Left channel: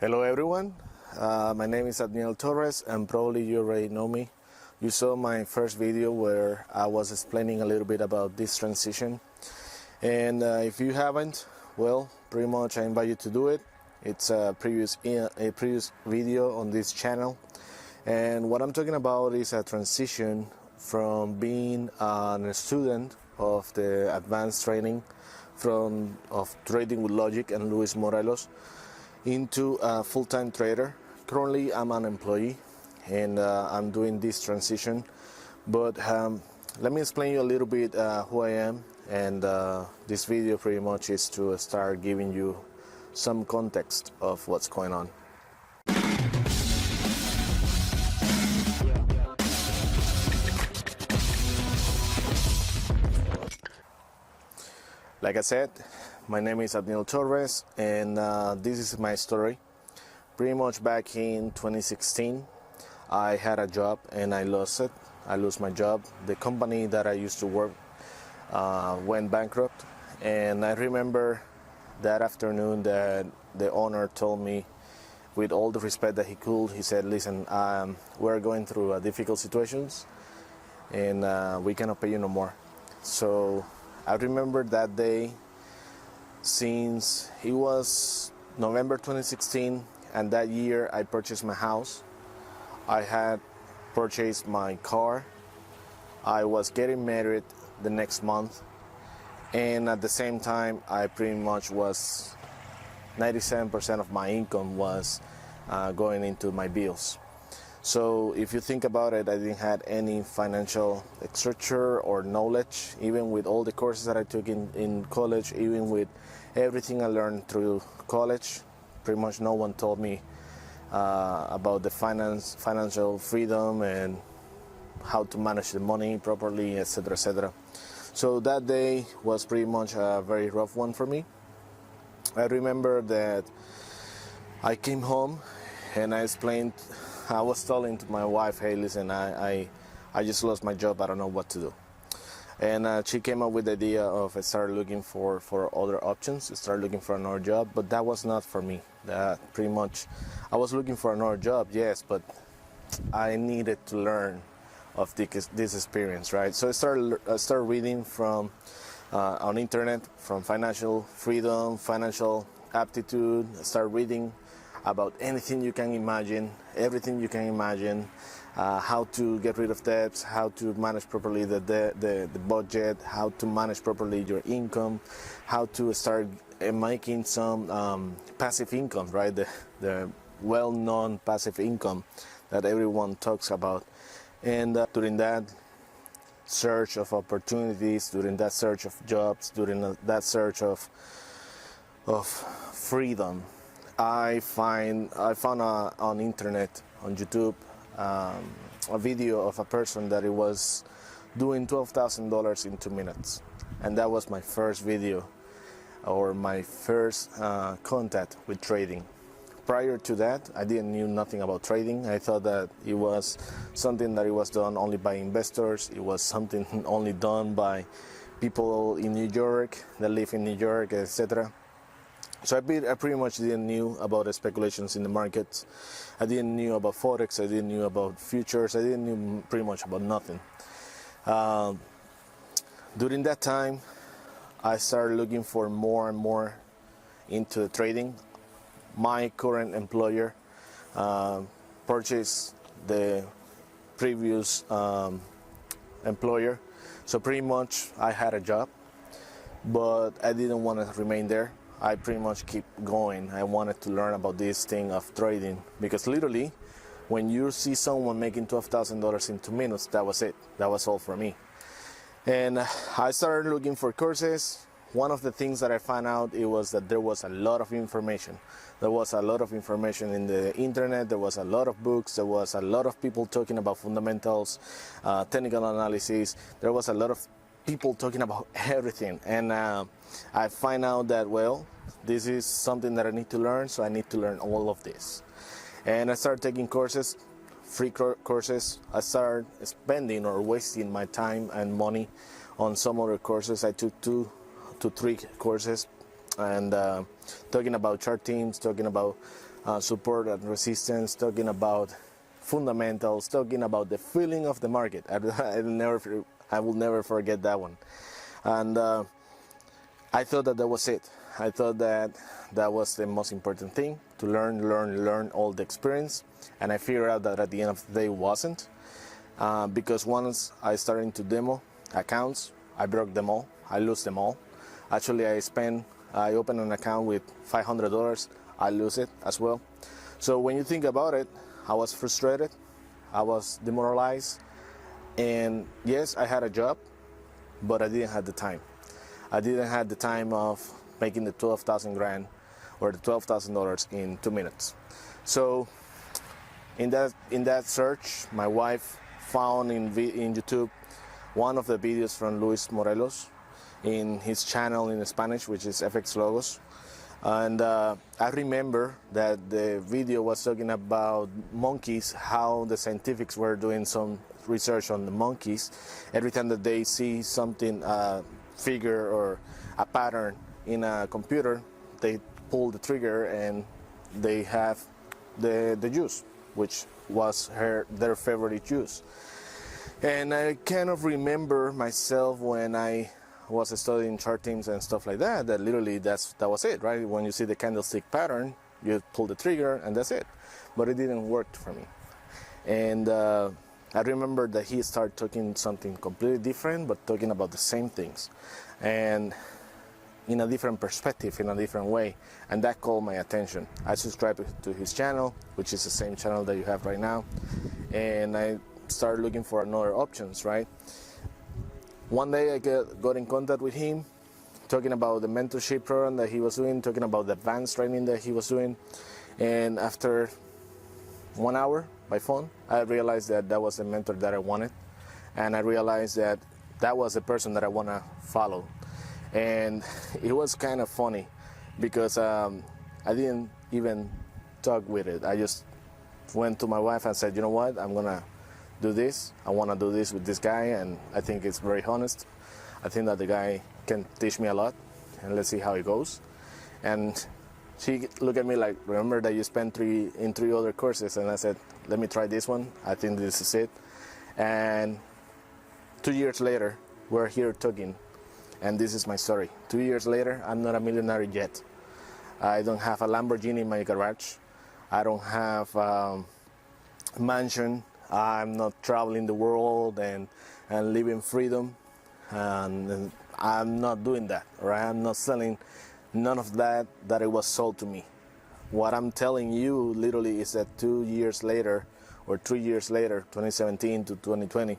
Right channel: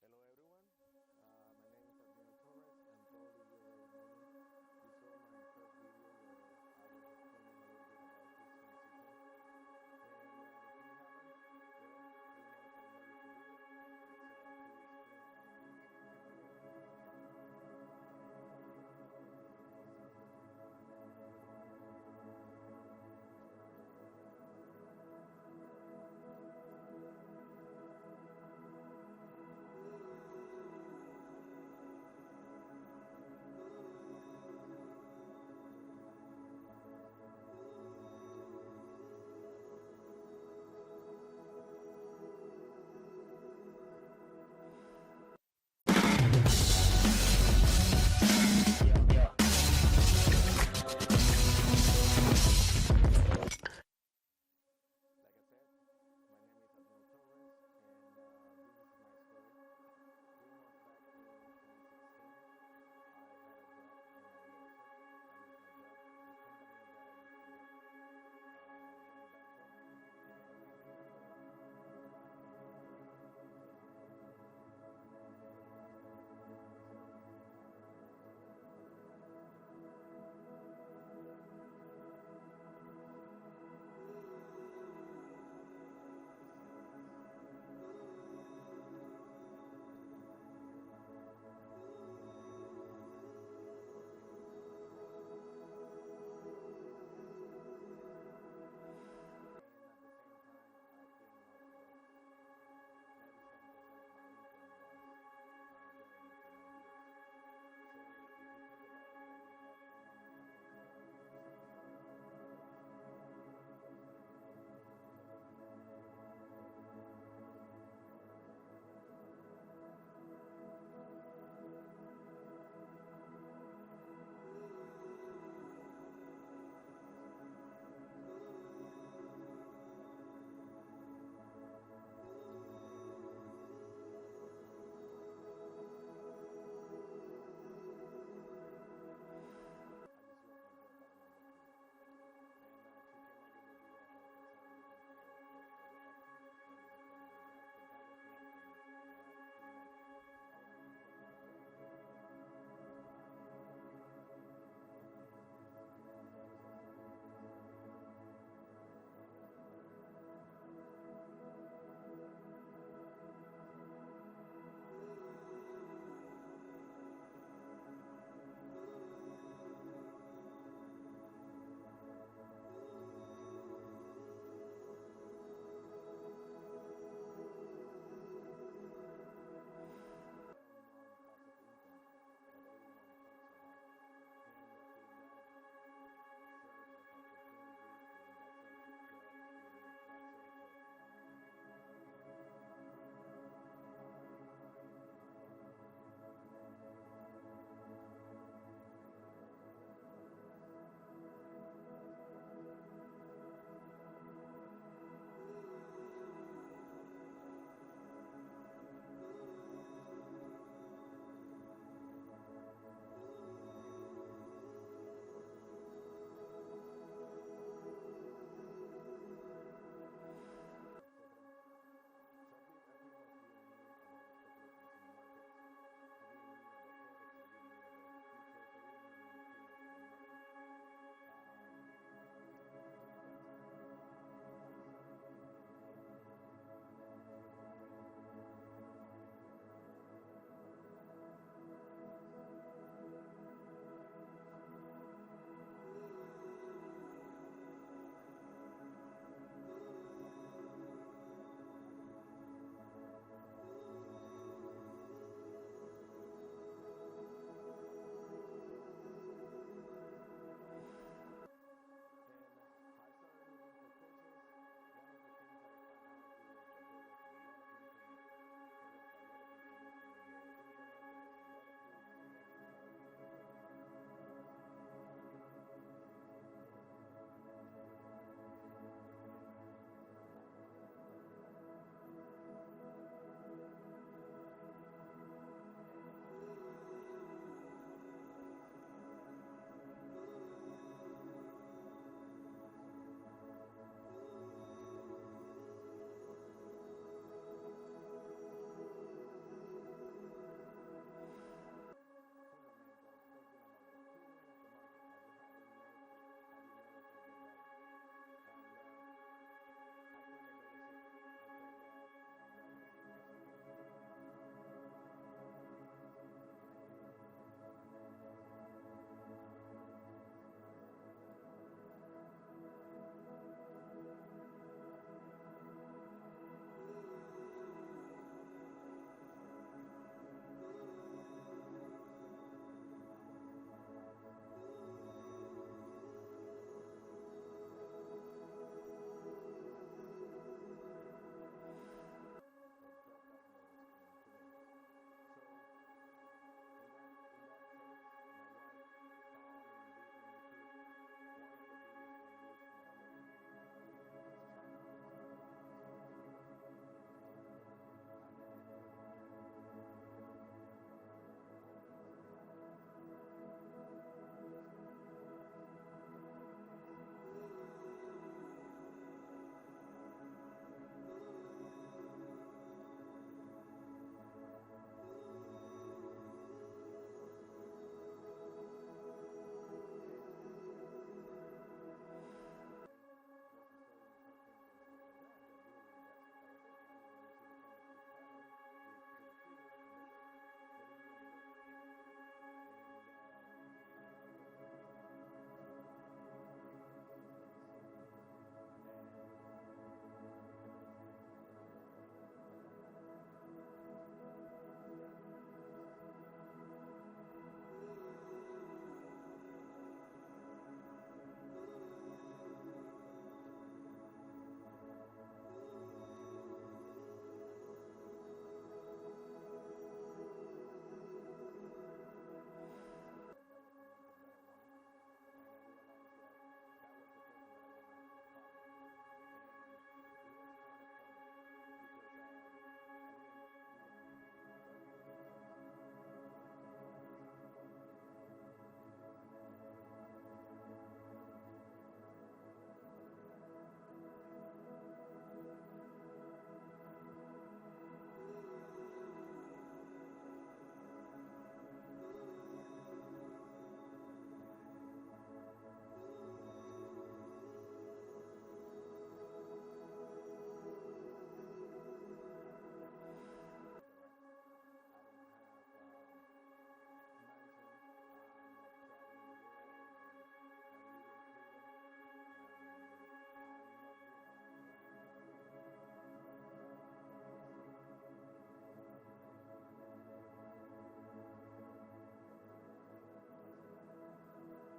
Hello everyone, my name is Adniel Torres and probably you already know me. You saw my first video where I was explaining a little bit about this transition, and if you haven't, well, pretty much I invite you to do it. It's a previous video on this channel, and what I'm talking about is a transition from being a student of the advanced training of Trading with Logic and Luis Morelos into a full-time trader. Currently I'm an employee and I'm doing this transition, but let me explain you a little bit who I am, and this video pretty much is to start giving you some context of what's going on. Like I said, my name is Adniel Torres, and this is my story. Pretty much back in 2016, I had a job and I lost it. I lost my job. The company that I used to work went bankrupt, and I remember that afternoon that the owner told me, with all the respect that he could, he said, listen, we're going through difficult situations and we cannot pay you no more. So I remember that day, since it was November 2016, and that year I purchased my house. I had purchased my car. I was getting married the next month, and at the same time I pretty much was 97% of my income was going into my bills. So if you think about it, I didn't have any financial structure or knowledge, even with all the courses that I took in college, even with everything I learned through college. Pretty much no one told me about the financial freedom and how to manage the money properly, etc., etc. So that day was pretty much a very rough one for me. I remember that I came home and I was telling to my wife, hey, listen, I just lost my job, I don't know what to do. And she came up with the idea of start looking for other options, start looking for another job, but that was not for me. That pretty much, I was looking for another job, yes, but I needed to learn of this experience, right? So I started reading from on internet, from financial freedom, financial aptitude. I started reading about anything you can imagine, everything you can imagine, how to get rid of debts, how to manage properly the budget, how to manage properly your income, how to start making some passive income, right? The well-known passive income that everyone talks about. And during that search of opportunities, during that search of jobs, during that search of freedom, I found on internet, on YouTube, a video of a person that it was doing $12,000 in 2 minutes, and that was my first video, or my first contact with trading. Prior to that, I didn't knew nothing about trading. I thought that it was something that it was done only by investors. It was something only done by people in New York that live in New York, etc. So I pretty much didn't knew about the speculations in the markets. I didn't knew about Forex. I didn't knew about futures. I didn't knew pretty much about nothing. During that time, I started looking for more and more into trading. My current employer purchased the previous employer. So pretty much I had a job, but I didn't want to remain there. I pretty much keep going. I wanted to learn about this thing of trading, because literally when you see someone making $12,000 in 2 minutes, that was it. That was all for me. And I started looking for courses. One of the things that I found out, it was that there was a lot of information. There was a lot of information in the internet. There was a lot of books. There was a lot of people talking about fundamentals, technical analysis. There was a lot of people talking about everything, and I find out that, well, this is something that I need to learn, so I need to learn all of this. And I started taking courses, free courses. I started spending or wasting my time and money on some other courses. I took 2 to 3 courses, and talking about chart teams, talking about support and resistance, talking about fundamentals, talking about the feeling of the market. I will never forget that one. And I thought that was it. I thought that was the most important thing, to learn all the experience. And I figured out that at the end of the day it wasn't. Because once I started to demo accounts, I broke them all. I lose them all. Actually, I opened an account with $500. I lose it as well. So when you think about it, I was frustrated. I was demoralized. And yes, I had a job, but I didn't have the time. I didn't have the time of making the 12,000 grand or the $12,000 in 2 minutes. So in that search, my wife found in YouTube one of the videos from Luis Morelos in his channel in Spanish, which is FX Logos. And I remember that the video was talking about monkeys, how the scientifics were doing some research on the monkeys. Every time that they see something, figure or a pattern in a computer, they pull the trigger and they have the juice, which was their favorite juice. And I kind of remember myself when I was studying chartings and stuff like that, that literally that was it, right? When you see the candlestick pattern, you pull the trigger and that's it. But it didn't work for me. And I remember that he started talking something completely different, but talking about the same things. And in a different perspective, in a different way. And that called my attention. I subscribed to his channel, which is the same channel that you have right now. And I started looking for other options, right? One day I got in contact with him, talking about the mentorship program that he was doing, talking about the advanced training that he was doing. And after 1 hour by phone, I realized that that was the mentor that I wanted. And I realized that that was the person that I want to follow. And it was kind of funny because I didn't even talk with it. I just went to my wife and said, you know what, I'm gonna do this. I want to do this with this guy, and I think it's very honest. I think that the guy can teach me a lot, and let's see how it goes. And she looked at me like, remember that you spent three other courses? And I said, let me try this one. I think this is it. And 2 years later, we're here talking, and this is my story. 2 years later, I'm not a millionaire yet. I don't have a Lamborghini in my garage. I don't have a mansion. I'm not traveling the world and living freedom. And I'm not doing that, right? I'm not selling none of that it was sold to me. What I'm telling you literally is that 2 years later, or 3 years later, 2017 to 2020,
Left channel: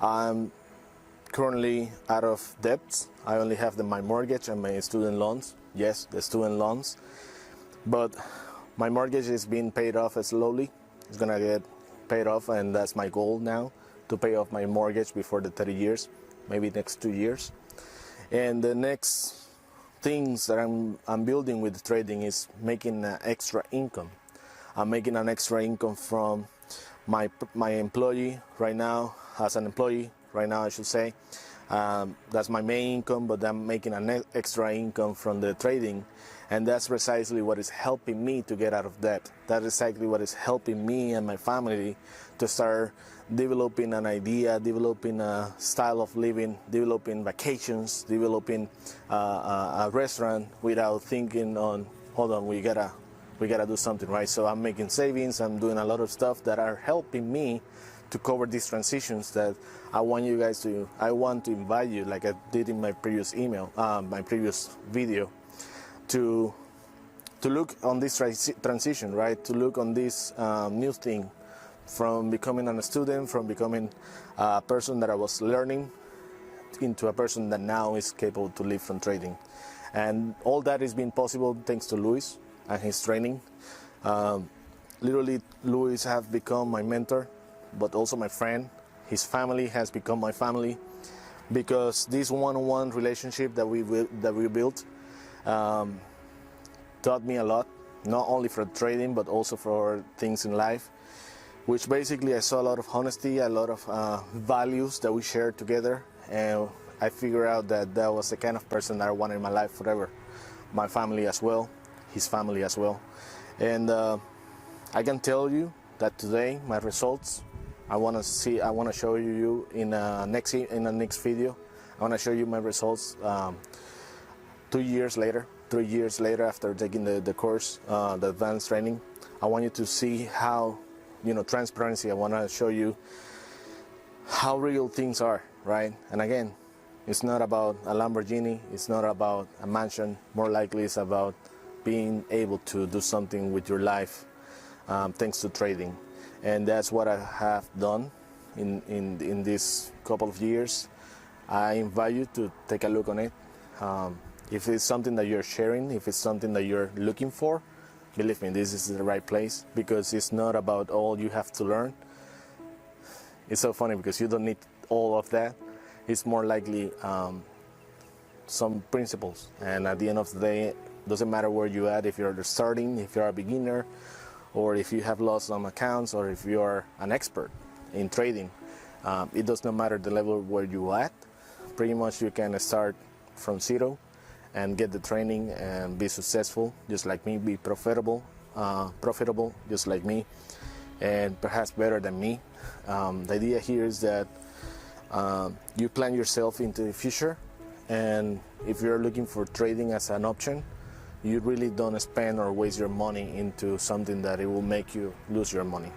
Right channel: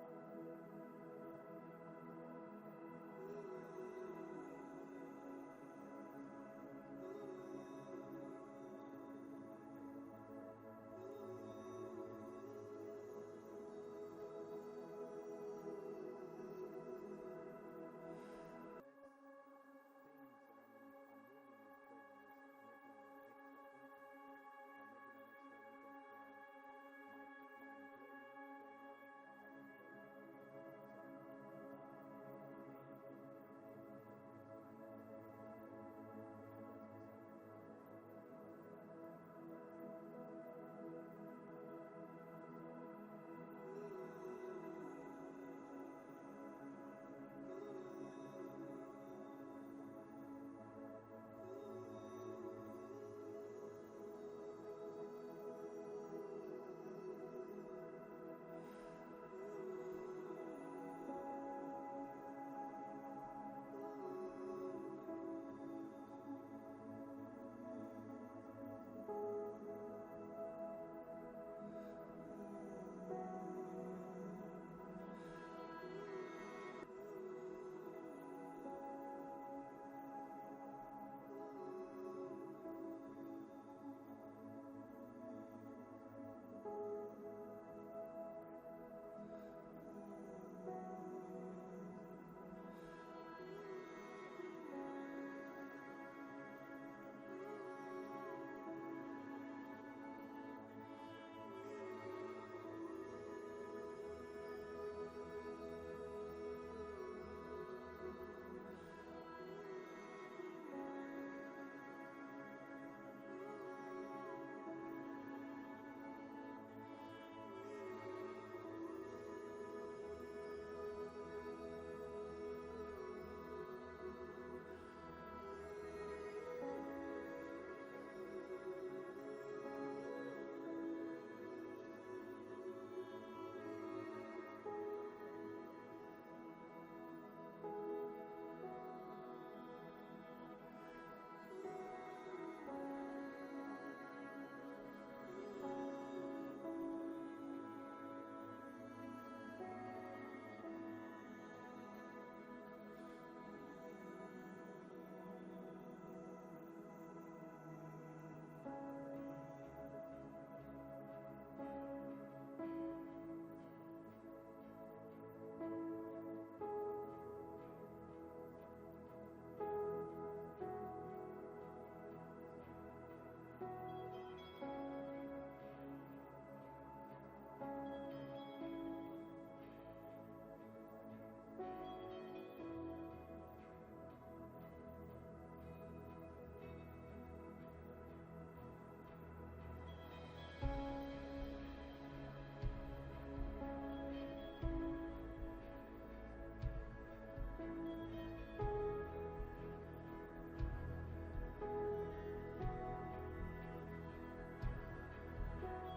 I'm currently out of debt. I only have my mortgage and my student loans. Yes, the student loans. But my mortgage is being paid off slowly. It's gonna get paid off, and that's my goal now, to pay off my mortgage before the 30 years, maybe next 2 years. And the next things that I'm building with trading is making an extra income. I'm making an extra income from my employee right now, as an employee right now I should say. That's my main income, but I'm making an extra income from the trading. And that's precisely what is helping me to get out of debt. That is exactly what is helping me and my family to start developing an idea, developing a style of living, developing vacations, developing a restaurant without thinking on, hold on, we gotta do something, right? So I'm making savings, I'm doing a lot of stuff that are helping me to cover these transitions that I want to invite you, like I did in my previous my previous video, to look on this transition, right? To look on this new thing, from becoming a student, from becoming a person that I was learning, into a person that now is capable to live from trading. And all that is being possible thanks to Luis and his training. Literally, Luis has become my mentor, but also my friend. His family has become my family, because this one-on-one relationship that we built taught me a lot, not only for trading but also for things in life, which basically I saw a lot of honesty, a lot of values that we shared together, and I figured out that that was the kind of person that I wanted in my life forever. My family as well, his family as well. And I can tell you that today my results, I want to show you in the next video. I want to show you my results 2 years later, 3 years later after taking the course, the advanced training. I want you to see how, transparency. I want to show you how real things are, right? And again, it's not about a Lamborghini, it's not about a mansion. More likely it's about being able to do something with your life thanks to trading. And that's what I have done in this couple of years. I invite you to take a look on it. If it's something that you're sharing, if it's something that you're looking for, believe me, this is the right place, because it's not about all you have to learn. It's so funny because you don't need all of that. It's more likely some principles. And at the end of the day, it doesn't matter where you're at, if you're starting, if you're a beginner, or if you have lost some accounts, or if you are an expert in trading. It does not matter the level where you're at. Pretty much you can start from zero and get the training and be successful, just like me, be profitable just like me, and perhaps better than me. The idea here is that you plan yourself into the future, and if you're looking for trading as an option, you really don't spend or waste your money into something that it will make you lose your money.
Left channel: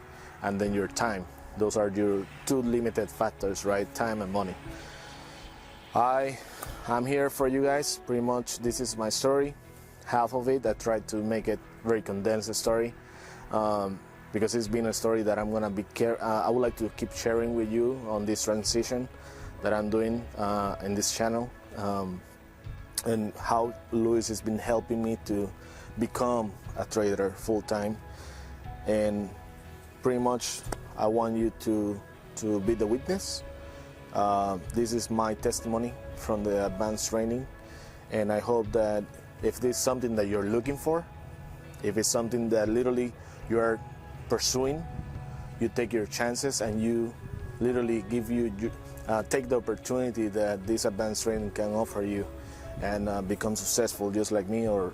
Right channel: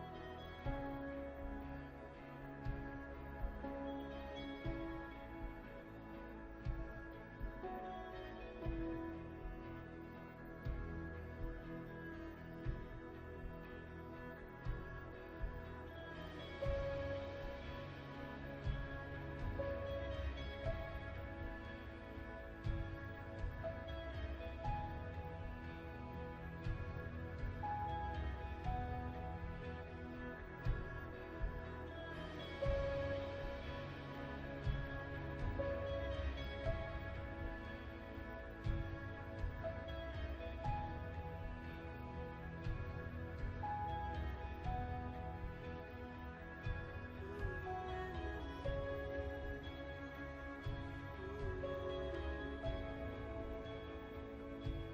And then your time. Those are your two limited factors, right? Time and money. I'm here for you guys. Pretty much this is my story. Half of it, I tried to make it very condensed story, because it's been a story that I'm gonna I would like to keep sharing with you on this transition that I'm doing in this channel, and how Luis has been helping me to become a trader full-time. And pretty much I want you to be the witness. This is my testimony from the advanced training, and I hope that if this is something that you're looking for, if it's something that literally you are pursuing, you take your chances and you literally take the opportunity that this advanced training can offer you, and become successful just like me, or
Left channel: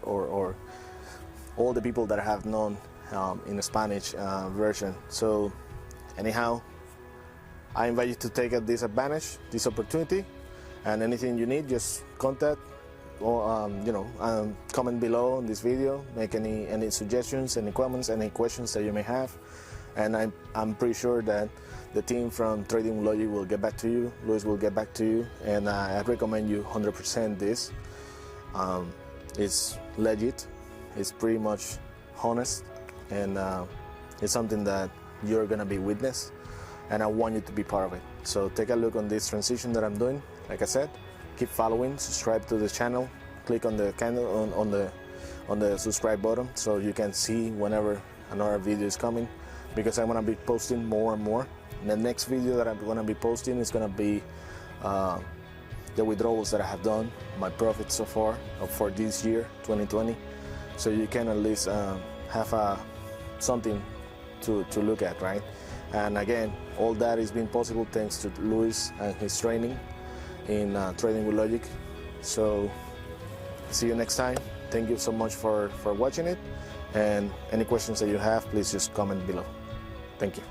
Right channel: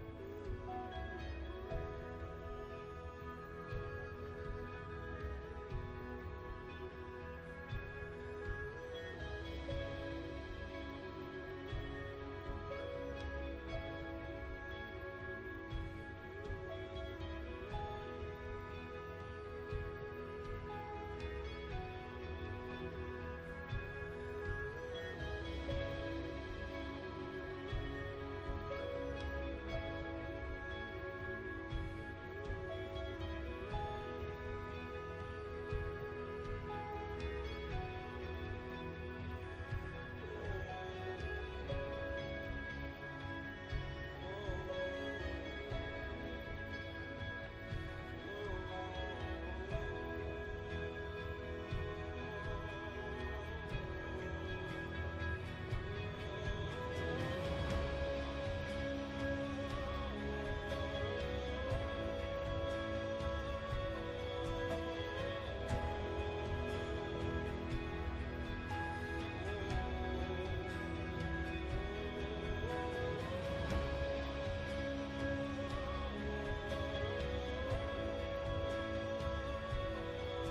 all the people that I have known in the Spanish version. So anyhow, I invite you to take this advantage, this opportunity, and anything you need, just contact or comment below on this video. Make any suggestions, any comments, any questions that you may have, and I'm pretty sure that the team from Trading with Logic will get back to you. Luis will get back to you, and I recommend you 100% this. It's legit, it's pretty much honest, and it's something that you're gonna be witness, and I want you to be part of it. So take a look on this transition that I'm doing. Like I said, keep following, subscribe to the channel, click on the candle on the subscribe button so you can see whenever another video is coming, because I'm gonna be posting more and more. The next video that I'm gonna be posting is gonna be the withdrawals that I have done, my profits so far for this year 2020, so you can at least have something to look at, right? And again, all that is being possible thanks to Luis and his training in Trading with Logic. So see you next time. Thank you so much for watching it, and any questions that you have, please just comment below. Thank you.